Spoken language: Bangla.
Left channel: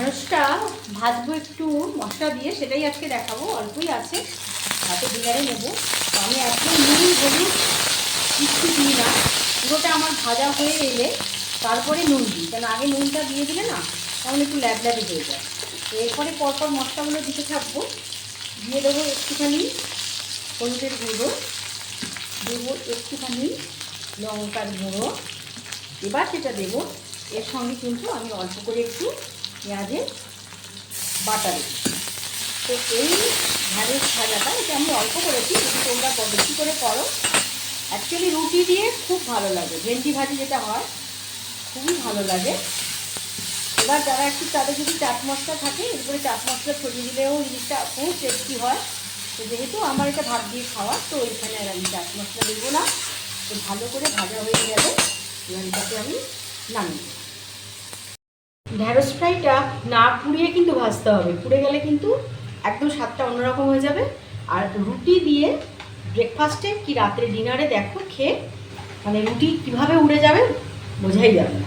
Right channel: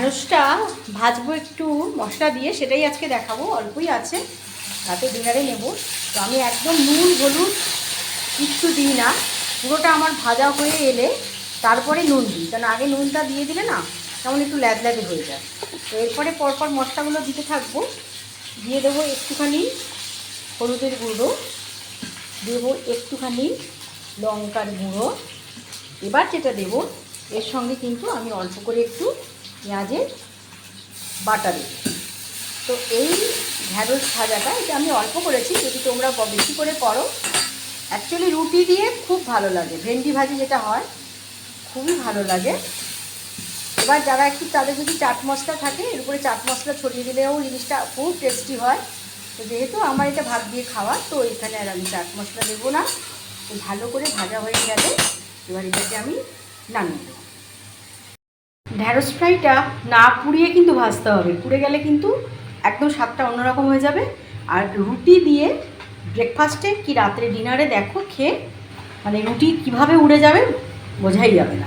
ঢ্যাঁড়সটা ভাজবো একটু মশলা দিয়ে, সেটাই আজকে দেখাবো। অল্পই আছে, তাতে ডিনারে নেব। তো আমি একদম নুন হলুদ কিচ্ছু দিই না, পুরোটা আমার ভাজা হয়ে এলে তারপরে নুন দিই, কারণ আগে নুনটা দিয়ে দিলে না তেমন একটু ল্যাদল্যাদে হয়ে যায়। তো এরপরে পরপর মশলাগুলো দিতে থাকবো। দিয়ে দেবো একটুখানি হলুদের গুঁড়ো, দেবো একটুখানি লঙ্কার গুঁড়ো। এবার যেটা দেবো এর সঙ্গে কিন্তু আমি অল্প করে একটু পেঁয়াজের বাটা দেবো। তো এই ঢ্যাঁড়স ভাজাটা এটা আমি অল্প করেছি, যদি তোমরা বেশি করে করো অ্যাকচুয়ালি রুটি দিয়ে খুব ভালো লাগে। ভেন্ডি ভাজি যেটা হয় খুবই ভালো লাগে। এবার যারা একটু, তাদের যদি চাট মশলা থাকে এর উপরে চাট মশলা ছড়িয়ে দিলেও জিনিসটা খুব টেস্টি হয়। তো যেহেতু আমার এটা ভাত দিয়ে খাওয়া, তো এখানে আর আমি চাট মশলা দেবো না। তো ভালো করে ভাজা হয়ে গেলে এবার এটাকে আমি নামিয়ে দেবো। ঢ্যাঁড়স ফ্রাইটা না পুড়িয়ে কিন্তু ভাজতে হবে, পুড়ে গেলে কিন্তু একদম স্বাদটা অন্যরকম হয়ে যাবে। আর রুটি দিয়ে ব্রেকফাস্টে কি রাত্রে ডিনারে দেখো খেয়ে, মানে রুটি কীভাবে উড়ে যাবে বোঝাই যাবে না।